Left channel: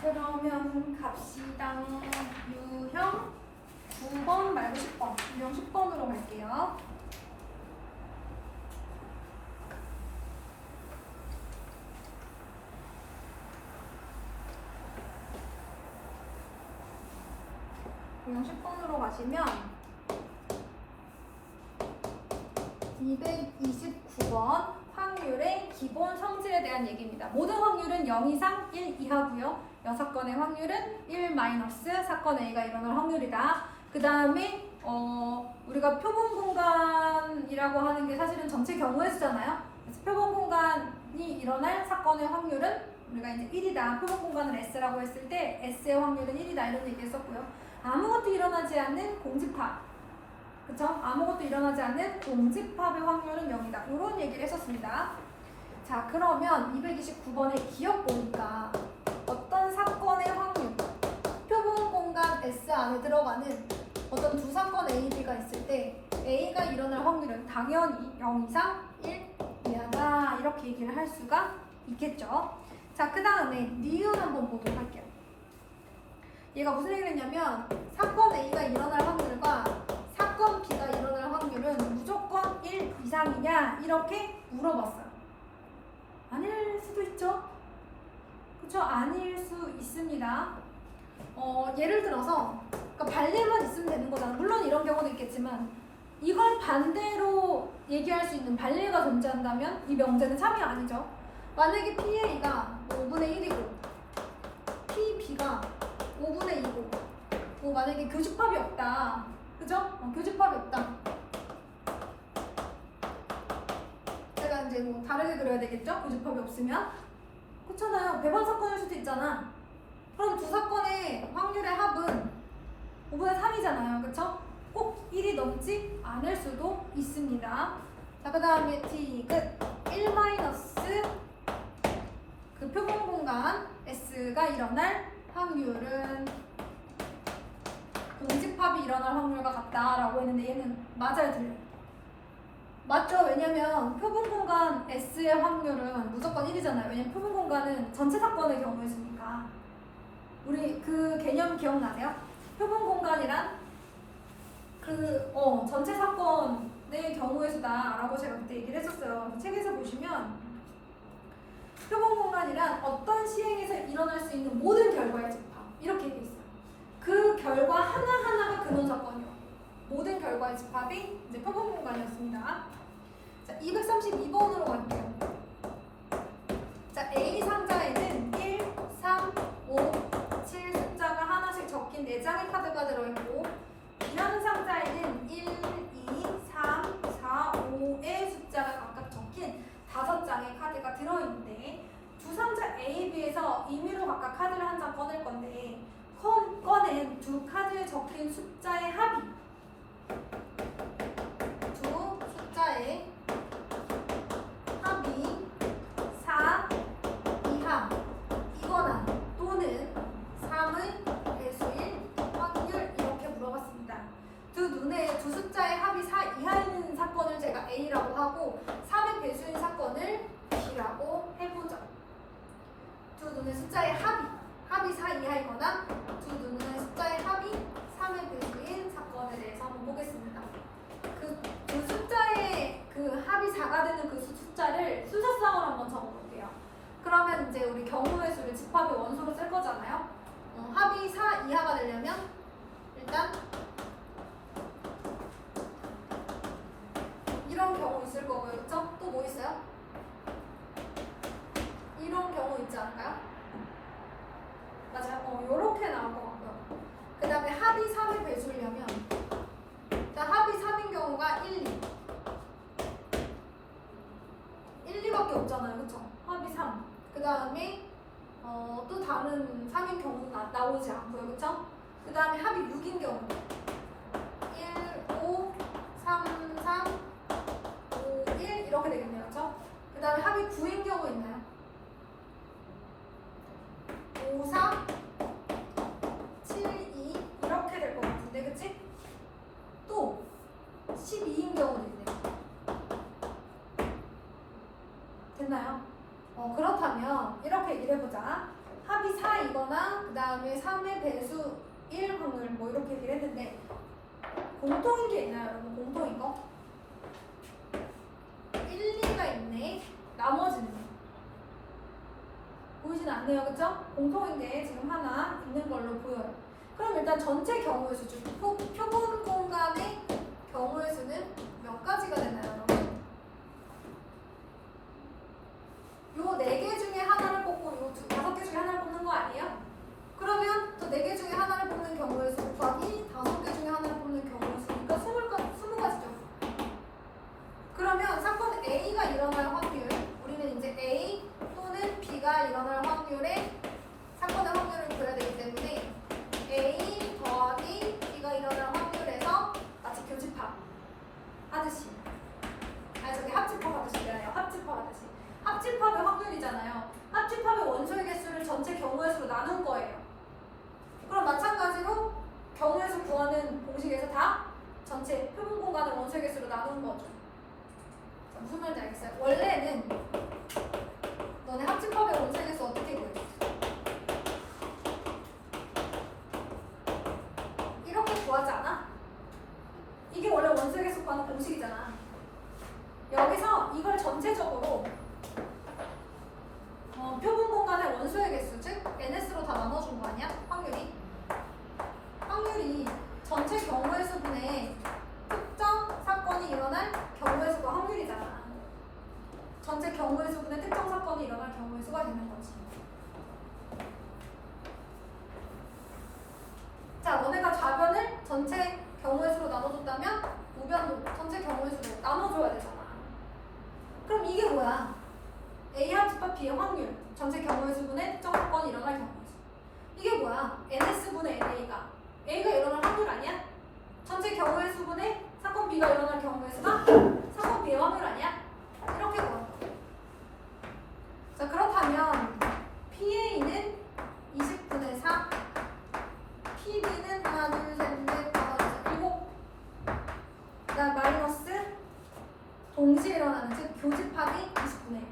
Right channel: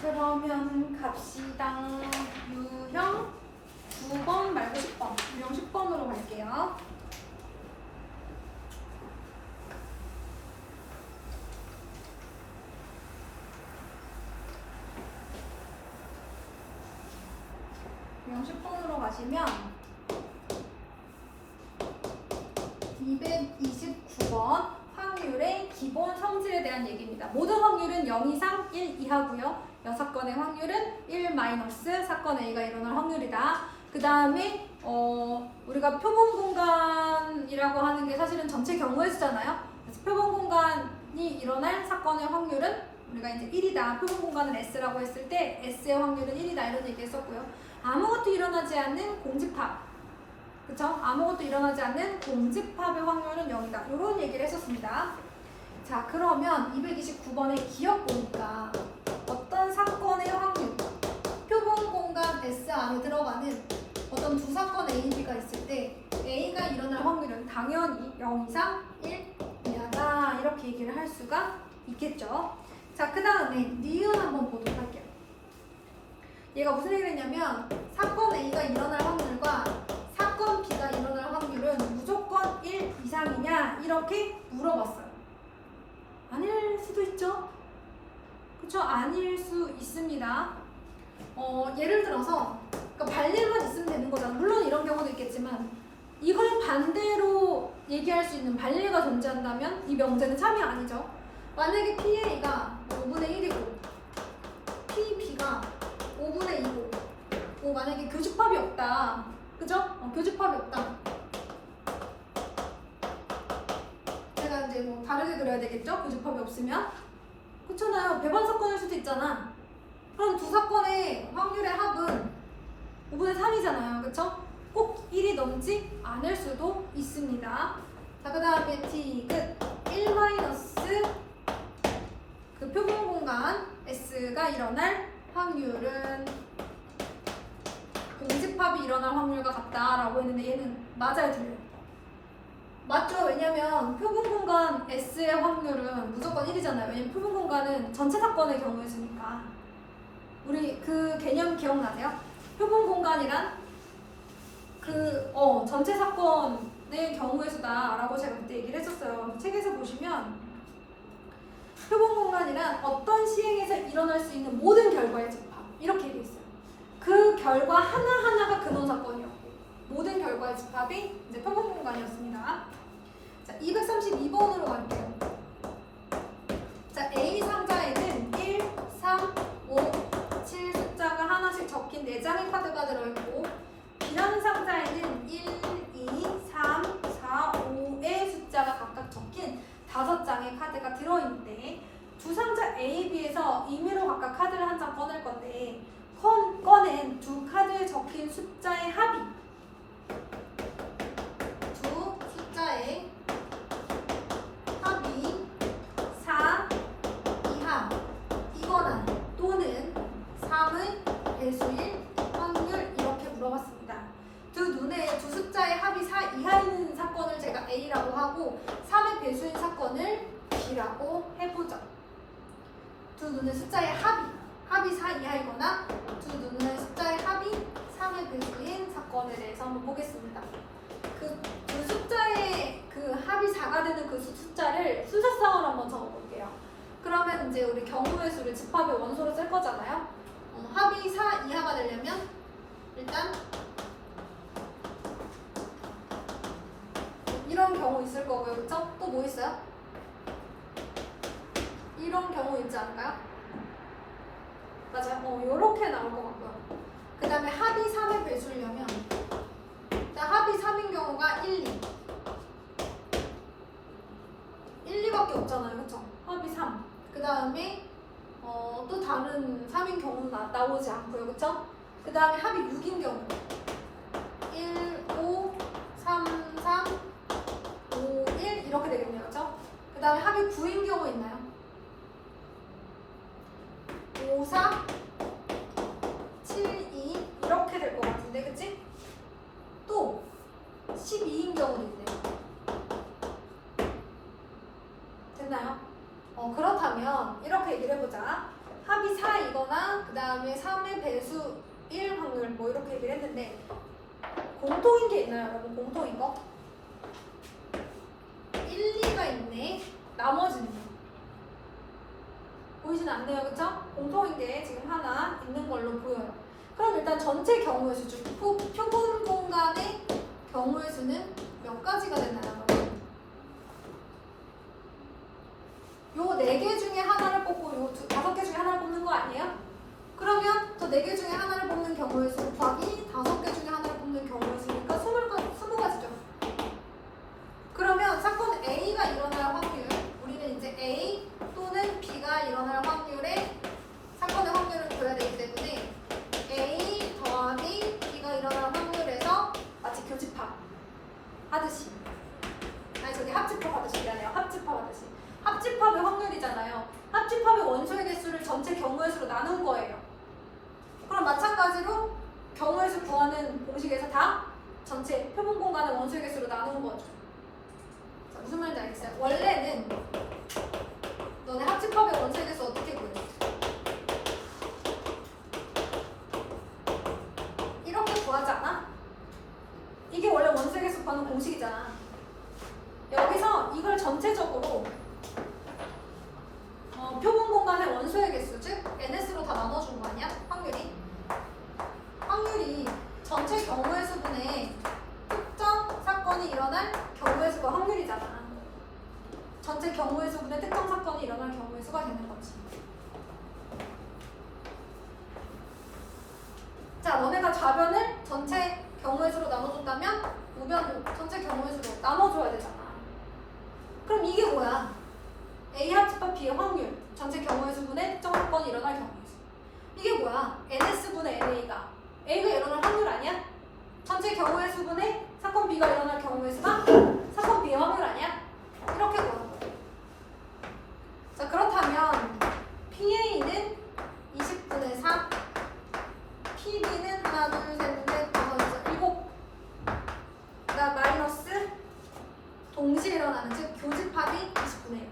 그러면 갑시다. 유형 9번 말고 10번. 유형 10번으로 갈게요. 유형 10번으로 가시면 229번 확률의 기본 성질에 대한 얘기입니다. 모든 확률은 0 이상 1 이하고요. 6건의 확률은 1 마이너스 사건 A가 일어날 확률이다. 그 다음에 우리가 표본 공간이라고 하는 게 사실은 전체 경우의 수잖아요. 그래서 표본 공간이 일어날 사건의 확률은 우리가 이제 1이다. 표본 공간을 S라고 했을 때 S의 확률은 1이다. 이런 얘기 했었고요. 아무것도 일어나지 않는 공집합. 그쵸? 아무것도 일어나지 않는 공집합의 확률은 0이다. 이런 얘기를 했었습니다. 자, 그러면 229번의 기억 보니까 어떤 사건의 확률, 표본 공간 S 안에 들어가는 어떤 두 사건 A, B가 있을 때 A가 일어날 확률은 당연히 0 이상 1 이하다. 이렇게 얘기를 할 수가 있겠죠. 자, 그 다음에 니은 한번 보도록 할게요. 얘가 무슨 얘기를 했냐면 사건 A가 일어날 확률과 사건 B가 일어날 확률은 무조건 1 이상이냐 이렇게 물어봤어요. 아닐 수도 있죠. 그쵸? 아닐 수 있습니다. 예를 들어서 그러니까 발리만 있으면 되는 거잖아. 물론 이런 경우도 있겠지만 이걸 반대로 얘기할 수 있는 발리가 존재한다면 이 명제는 참이 아니죠. 만약에 PA가 5분의 1이고 PB가 5분의 2고 만약에 교집합이 없다. 그죠? 교집합이 없다. 제가 이제 뭐 다르게 그려야 되겠죠? 교집합이 없으면. 그렇잖아요. 배반 사건일 수도 있잖아. 그럼 두 사건의 확률의 합은 5분의 3이잖아요. 그쵸? 꼭 1이 넘지 않을 수도 있습니다. 자, 그 다음에 디귿 1 마이너스 그 표본 공간 S가 일어날 확률은 공집합이 일어날 확률과 같다라고 했는데 얘는 맞아요, 틀려요? 맞죠? 왜냐면 표본 공간 S의 확률은 무조건 1이잖아요. 왜냐면 표본 공간은 전체 사건의 경우였으니까. 우리 그 개념 기억나세요? 표본 공간이란 전체 사건의 경우의 수다라고 제가 그때 얘기를 했었어요. 책에서 보시면 표본 공간이란 어떤 시행에서 일어날 수 있는 모든 결과의 집합 이렇게 되어 있어요. 그 결과 하나하나가 근원 사건이었고 모든 결과의 집합이 이제 표본 공간이었습니다. 자, 232번으로 갈게요. 자, A 상자에는 1, 3, 5, 7 숫자가 하나씩 적힌 4장의 카드가 들어있고 B라는 상자에는 1, 2, 3, 4, 5의 숫자가 각각 적힌 5장의 카드가 들어있는데 두 상자 A, B에서 임의로 각각 카드를 한 장 꺼낼 건데 꺼낸 두 카드에 적힌 숫자의 합이 두 숫자의 합이 4 이하 이거나 또는 3의 배수일 확률 이렇게 물어봤습니다. 두 숫자의 합이 4 이하인 사건을 제가 A라고 하고 3의 배수인 사건을 B라고 해보죠. 두 눈의 숫자의 합이 4 이하이거나 두 눈의 숫자의 합이 3의 배수인 사건에 대해서 한번 보겠습니다. 그 숫자의 그 합이 4가 되는 그 숫자를 순서상으로 한번 적어볼게요. 그러면 이제 우리 경우의 수를 집합의 원소로 쓸 거잖아요. 합이 4 이하가 되려면 일단 이런 경우 있을 거고요. 그쵸? 또 뭐 있어요? 이런 경우 있지 않을까요? 맞아요. 요렇게 나올 것 같고요. 그 다음에 합이 3의 배수려면 일단 합이 3인 경우가 1, 2 1, 2밖에 없잖아요. 그쵸? 합이 3. 그 다음에 또 다른 3인 경우는 나오지 않고요. 그쵸? 그 다음에 합이 6인 경우 1, 5, 3, 3, 5, 1 이렇게 되겠네요. 그쵸? 그 다음에 합이 9인 경우 있나요? 5, 4, 7, 2 이렇게 될 것 같은데 그치? 또 12인 경우도 있네요. 됐나요? 그렇다면 이렇게 얘기를 해보자. 합이 4이거나 그 다음에 3의 배수 1 확률 뭐 이렇게 얘기를 했는데 공통인 게 있나요 여러분? 공통인 거? 1, 2가 있네. 나머지는 보이진 않네요. 그쵸? 공통인 게 지금 하나 있는 걸로 보여요. 그럼 일단 전체 경우의 수 중 표본 공간의 경우의 수는 몇 가지가 되나요? 요 4개 중에 하나를 뽑고 요 5개 중에 하나를 뽑는 거 아니에요? 그러면 저 4개 중에 하나를 뽑는 경우의 수 곱하기 5개 중에 하나를 뽑는 경우의 수니까 20가지죠. 그러면 사건 A가 일어날 확률, 우리는 이제 A 또는 B가 일어날 확률에 사건의 확률을 줘야 되기 때문에 A 더하기 B가 일어날 확률에서 마치 교집합 하듯이, 아니 저기 합집합 하듯이 미안해요. 합집합 하듯이. 합집합의 확률이잖아요. 합집합의 원소의 개수를 전체 경우의 수로 나눈 거예요. 그럼 마찬가지로 경우의 수 구하는 공식에서 다 전체 표본 공간의 원소의 개수로 나눈 거죠. 자, 무슨 말인지 알겠어요? 원래는 너네 합집합의 원소의 개수 어떻게 구했어? 이렇게 구하지 않아? 이게 원래 원소의 개수 구하는 공식이잖아. 여기서 이걸 전체적으로 표본 공간의 원소의 개수, 즉 NS로 다 나눠준 거 아니야? 확률이 전체 경우의 수분의 특정 사건이 일어날 경우의 수가 확률이잖아. 전체 경우의 수분의 특정 사건이 일어날 경우의 수가 되는 거지. 자, 너네가 좌변을 전체 경우의 수로 나눠줬다면 우변도 전체 경우의 수로 나눠줘야 되잖아. 그럼 이게 뭐야? A 합집합 B의 확률, 전체 경우의 수분의 특정 사건이 일어날 경우의 수. 이게 뭐야? NS분의 NA가 A가 일어날 확률 아니야? 전체 경우의 수분의 사건 B가 일어날 경우의 수가 사건 B의 확률 아니야? 이렇게 구한 거예요. 자, 그렇다면 PA는 20분의 4, PB는 하나, 둘, 셋, 넷, 다섯, 여섯, 일곱. 그다음 마이너스 동시에 일어나는, 즉 교집합이 20분의 1.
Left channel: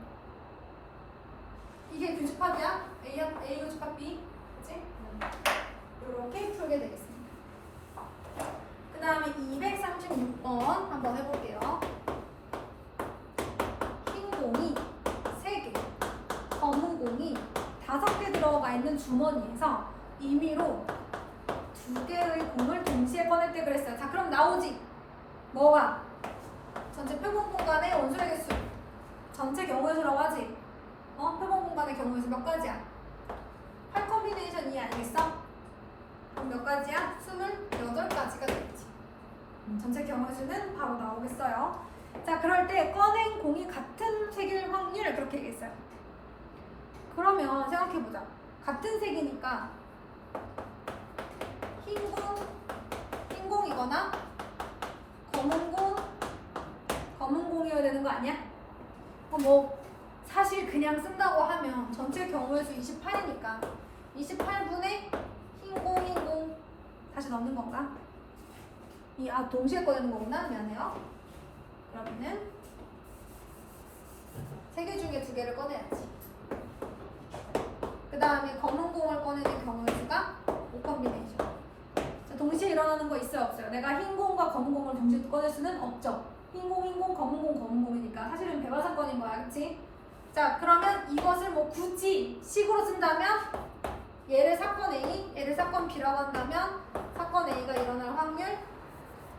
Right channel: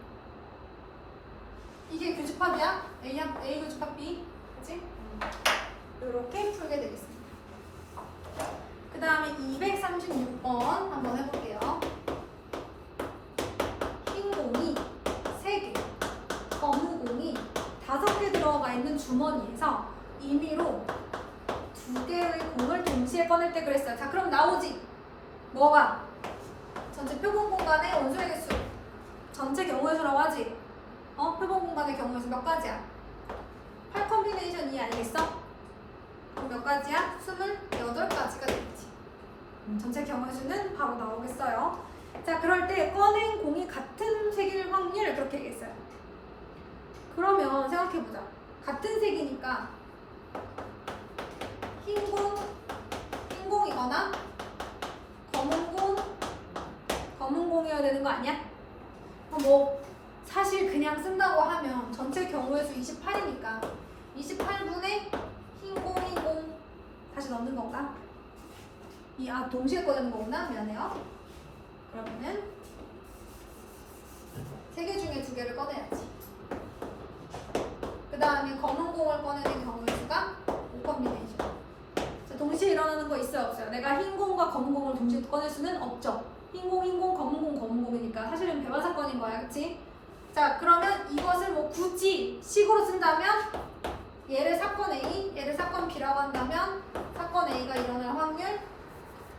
이게 교집합이야? A 교집합 B, 그치? 이렇게 풀게 되겠습니다. 그 다음에 236번 한번 해볼게요. 흰 공이 3개, 검은 공이 5개 들어가 있는 주머니에서 임의로 2개의 공을 동시에 꺼낼 때 그랬어요. 자, 그럼 나오지? 뭐가? 전체 표본 공간의 원소의 개수, 전체 경우의 수라고 하지? 표본 공간의 경우의 수 몇 가지야? 8 컴비네이션 2 아니겠어? 그럼 몇 가지야? 28가지가 되겠지. 전체 경우의 수는 바로 나오겠어요. 자, 그럴 때 꺼낸 공이 같은 색일 확률 그렇게 얘기했어요. 그러면 생각해보자. 같은 색이니까 흰 공이거나 검은 공이어야 되는 거 아니야? 뭐 사실 그냥 쓴다고 하면 전체 경우의 수 28이니까 28분의 흰 공 다시 넣는 건가? 동시에 꺼내는 거구나. 미안해요. 그러면은 3개 중에 2개를 꺼내야지. 그 다음에 검은 공을 꺼내는 경우의 수가 5 컴비네이션. 자, 동시에 일어나는 거 있어요, 없어요? 내가 흰 공과 검은 공을 동시에 꺼낼 수는 없죠. 흰 공, 검은 공이니까 사실은 배반 사건인 거야, 그치? 자, 그러면 이것을 뭐 굳이 식으로 쓴다면 얘를 사건 A, 얘를 사건 B라고 한다면 사건 A가 일어날 확률.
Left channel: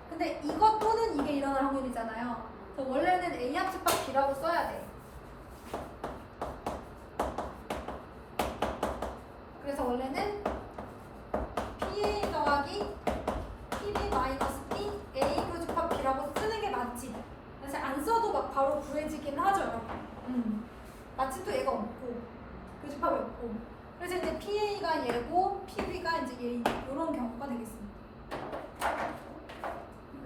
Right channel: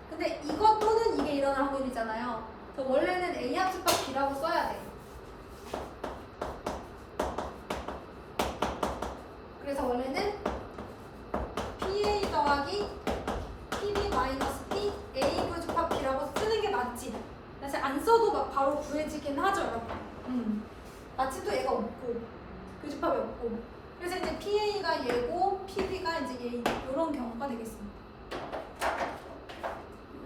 근데 이것 또는 이게 일어날 확률이잖아요. 그래서 원래는 A 합집합 B라고 써야 돼. 그래서 원래는 PA 더하기 PB 마이너스 P A 교집합 B라고 쓰는 게 맞지. 사실 안 써도 막 바로 구해지긴 하죠, 여러분. 마치 또 얘가 없고 교집합이 없고. 그래서 이제 PA가 얘고 PB가 이제 얘, 이런 경우가 되겠습니다.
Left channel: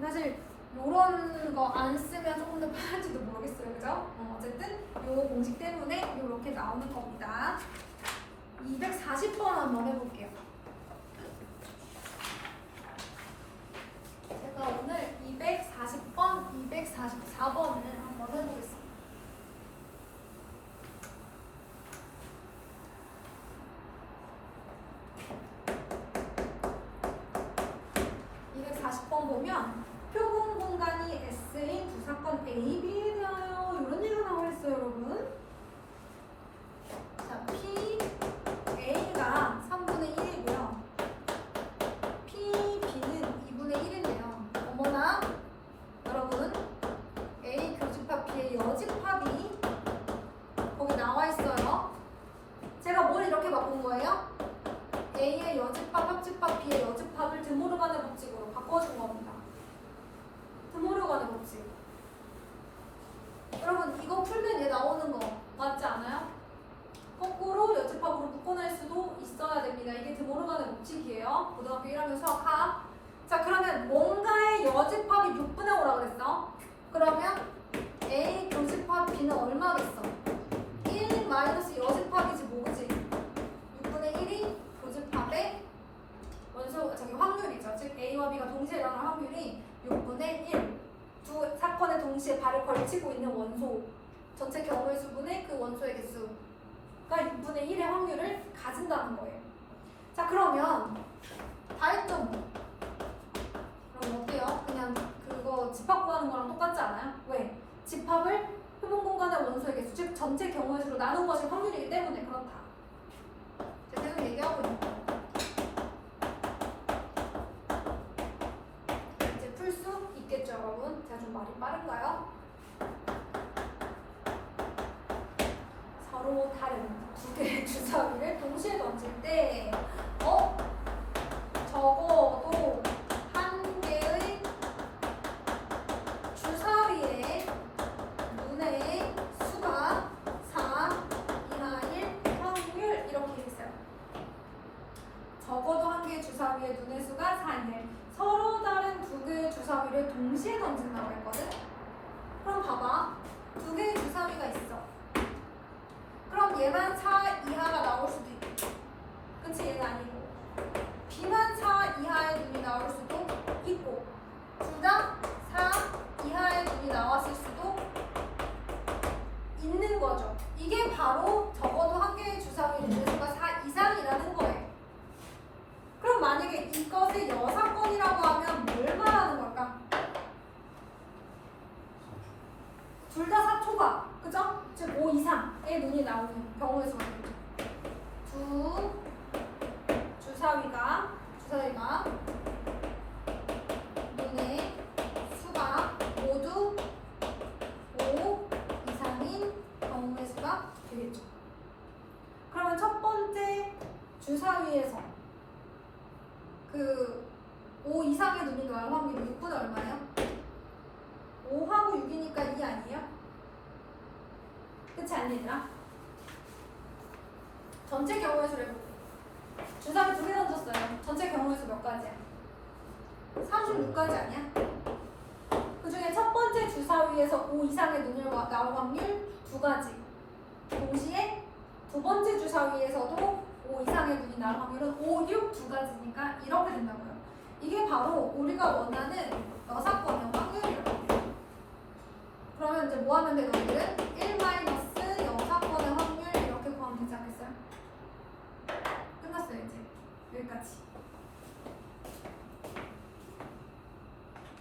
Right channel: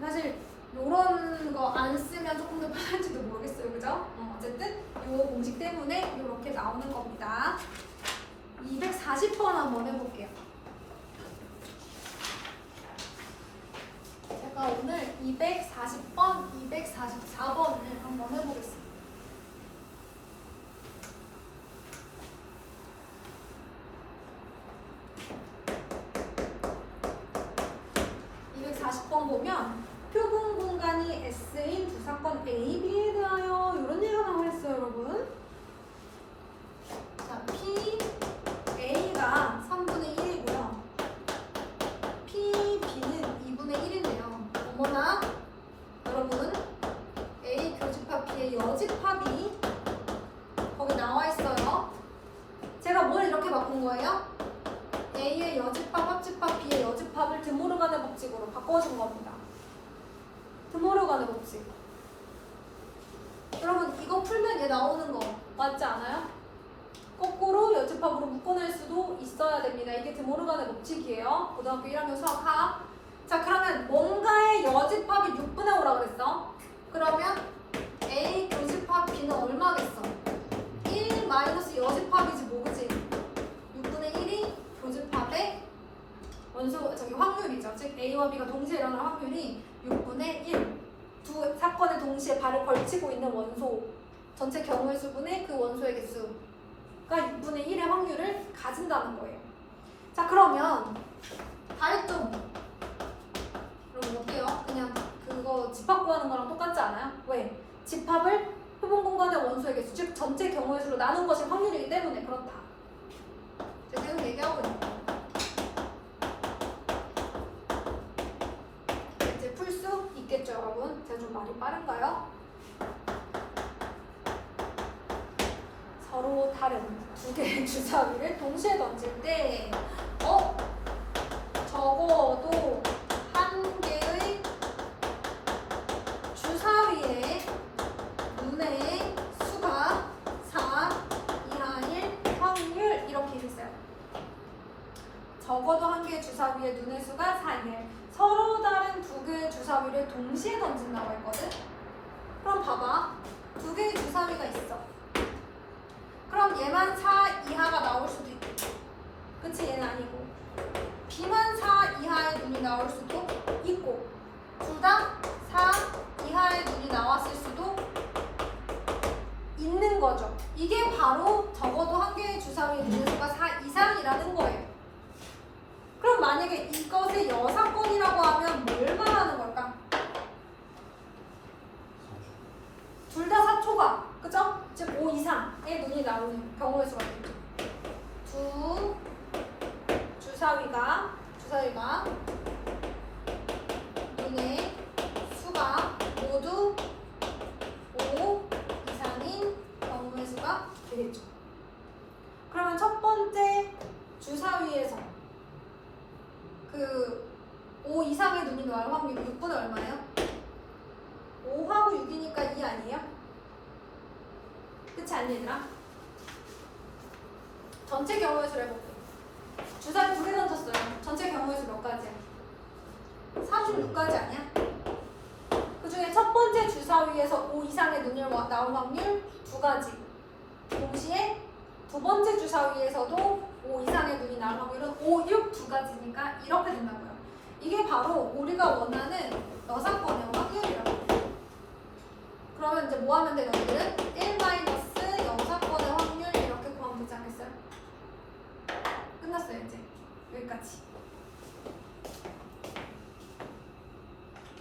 사실 이런 거 안 쓰면 조금 더 편할지도 모르겠어요, 그죠? 어쨌든 이 공식 때문에 이렇게 나오는 겁니다. 240번 한번 해볼게요. 제가 오늘 240번, 244번을 한번 해보겠습니다. 보면 표본 공간이 S인 두 사건 A, B에 대하여 이런 얘기가 나와있어요, 여러분. 자, P, A가 3분의 1이고요. P, B는 2분의 1인데요. 어머나, 여러분, A 교집합 B의 여집합이 거기 나와있어요. 제가 뭘 이렇게 바꾼 거예요? A의 여집합, 합집합, B의 여집합을 드모르간의 법칙으로 바꿔준 겁니다. 드모르간의 법칙. 여러분 이거 풀면 얘 나오는 거 맞지 않아요? 거꾸로 여집합으로 묶어낼 수도 있어야 됩니다. 이게 드모르간의 법칙이에요. 고등학교 1학년 수학 하. 자 그러면 뭔가의 여집합이 6분의 5라고 그랬어. 그러면 A 교집합 B는 얼마겠어? 1 마이너스 여집합이지 뭐지? 6분의 1이 교집합의 원소 저기 확률이죠. 즉 A와 B가 동시에 일어날 확률이 6분의 1. 두 사건에 동시에 발을 걸치고 있는 원소 전체 경우의 수분의 그 원소의 개수가 6분의 1의 확률을 가진다는 거예요. 자 그러면 다 했죠? 그럼 어때요? 그냥 그거 집합 구하는 거랑 똑같지 않아요? 왜? 집합을 표본 공간의 원소의 개수 즉 전체 경우의 수로 나눈 것이 확률이기 때문에 그렇다. 제가 계속 얘기하고 있는 거예요. 이제 풀 수 있겠죠, 여러분? 제가 좀 말이 빠른가요? 서로 다른 두 개의 주사위를 동시에 던질 때, 적어도 한 개의 주사위의 눈의 수가 4 이하일 확률 이렇게 있어요. 적어도 한 개의 주사위의 눈의 수가 4 이하일. 서로 다른 두 개의 주사위를 동시에 던진다고 했거든? 그럼 봐봐. 두 개의 주사위가 있어. 그럼 얘만 4 이하가 나올 수도 있고 그치? 얘는 아니고 B만 4 이하의 눈이 나올 수도 있고 둘 다 4 이하의 눈이 나왔을 수도 있는 거죠. 이게 바로 적어도 한 개의 주사위의 눈의 수가 4 이상이라는 거예요. 그럼 만약에 이것의 여사건이라고 하면 뭘 말하는 걸까? 둘 다 4초가, 그죠? 즉 5 이상의 눈이 나오는 경우의 수가 되죠. 두 주사위가 눈의 수가 모두 5 이상인 경우의 수가 되겠죠. 그러면 첫 번째 주사위에서 그 5 이상의 눈이 나올 확률이 6분의 얼마예요? 5하고 6이니까 2 아니에요? 그치 않니 얘들아? 전체 경우의 수를 해볼게. 주사위 2개 던졌어요. 전체 경우의 수 몇 가지야? 36가지 아니야? 그 중에 첫 번째 주사위에서 5 이상의 눈이 나올 확률 2가지. 동시에 두 번째 주사위에서도 5 이상의 눈이 나올 확률은 5, 6 2가지니까 이렇게 된다고요. 이게 바로 우리가 원하는 여사건의 확률이라고 해요. 그러면 이제 뭐 하면 돼, 너희들은?